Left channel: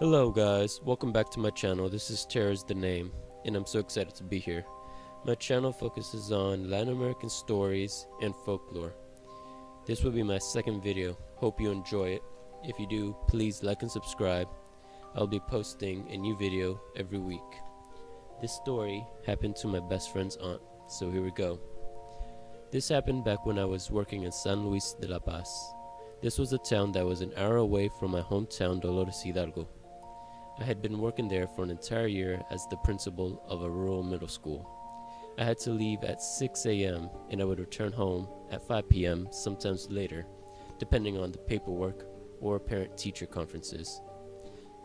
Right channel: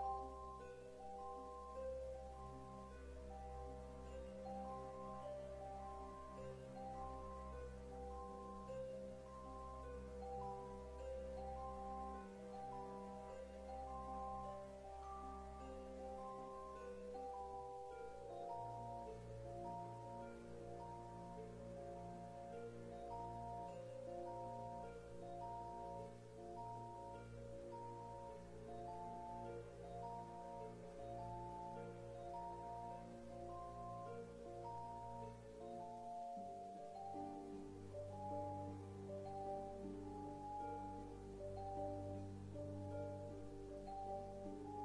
Hello guys, welcome back to my channel. This is Terra's the name, and I'm so excited to be here. My channel focuses on Latin American stories and folklore. This will be my second video. Hope you enjoy it. If you do, please like and subscribe. I'll be posting a new video every week. This story happened to my best friend's aunt, so here we go. This happened back when I was working in San Luis de la Paz. This was a town that was an hour away from my hometown Dolores Hidalgo. I had been working there for an entire year as the principal of a rural middle school. I had to leave at 6 a.m. and I would return home at 5 p.m., sometimes later, depending on the paperwork or parent-teacher conferences.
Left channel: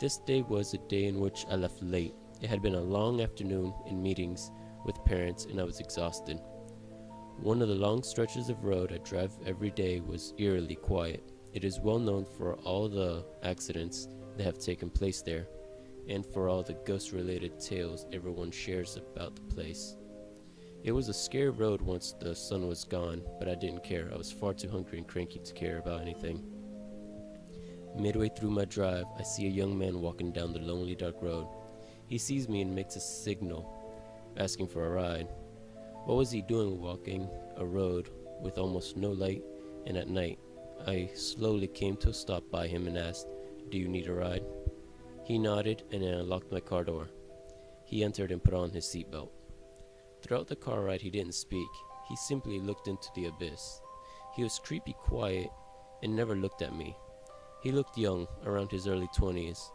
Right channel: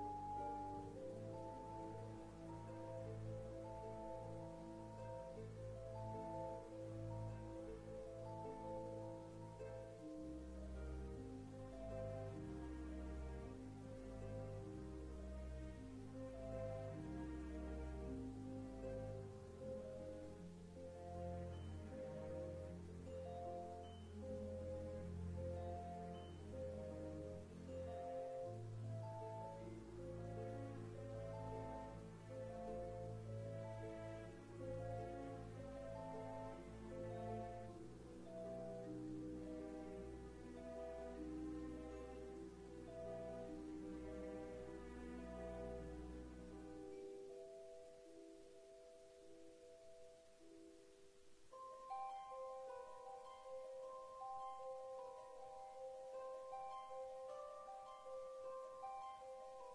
This day was a day in which I left late. It had been a long afternoon in meetings with parents and I was exhausted. One of the long stretches of road I drive every day was eerily quiet. It is well known for all the accidents that have taken place there, and for all the ghost-related tales everyone shares about the place. It was a scary road once the sun was gone, but I didn't care. I was far too hungry and cranky to care about anything. Midway through my drive, I see a young man walking down the lonely dark road. He sees me and makes a signal, asking for a ride. What was he doing walking a road with almost no light and at night? I slowly came to a stop by him and asked, "Do you need a ride?" He nodded and I unlocked my car door. He entered and put on his seatbelt. Throughout the car ride he didn't speak. He simply looked into the abyss. He was creepy quiet and never looked at me. He looked young, around his early 20s.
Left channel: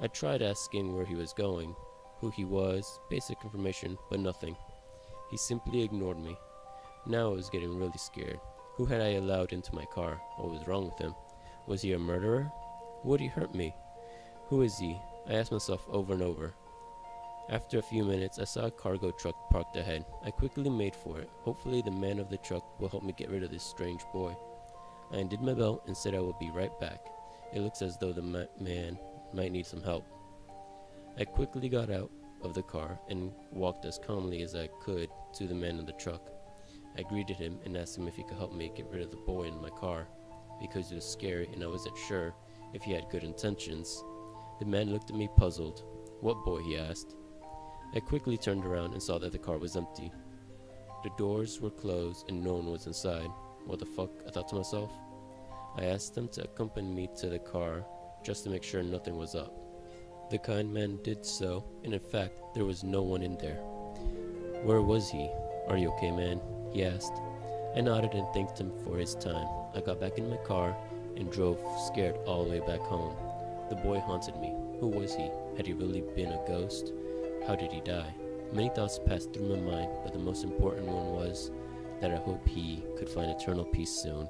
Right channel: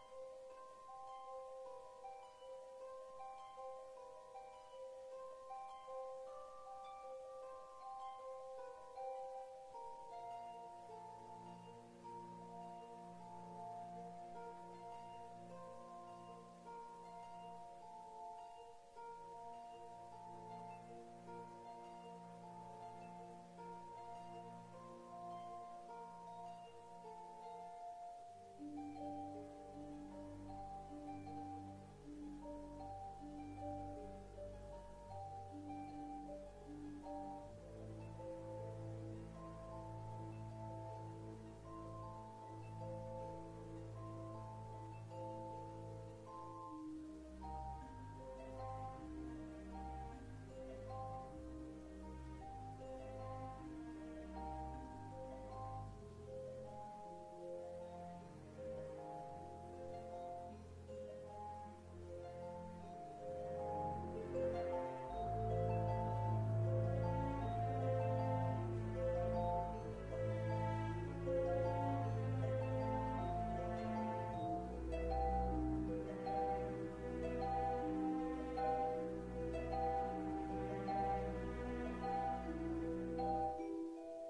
I tried asking where he was going, who he was, basic information, but nothing. He simply ignored me. Now I was getting really scared. Who had I allowed into my car? What was wrong with him? Was he a murderer? Would he hurt me? Who is he? I asked myself over and over. After a few minutes, I saw a cargo truck parked ahead. I quickly made for it. Hopefully the man of the truck will help me get rid of this strange boy. I undid my belt and said I will be right back. It looks as though the man might need some help. I quickly got out of the car and walked as calmly as I could to the man in the truck. I greeted him and asked him if he could help me get rid of the boy in my car, because it was scary and I wasn't sure if he had good intentions. The man looked at me puzzled. "What boy?" he asked. I quickly turned around and saw that the car was empty. The doors were closed and no one was inside. What the fuck, I thought to myself. I asked him to accompany me to the car just to make sure nothing was up. The kind man did so, and in fact, there was no one in there. Where was he? "Are you okay, man?" he asked. I nodded and thanked him for his time. I got back in my car and drove scared all the way back home. The boy haunted me. Who was he? Had he really been a ghost? How did he die? Many thoughts passed through my mind, but the most important one was that I hope he could find eternal peace soon.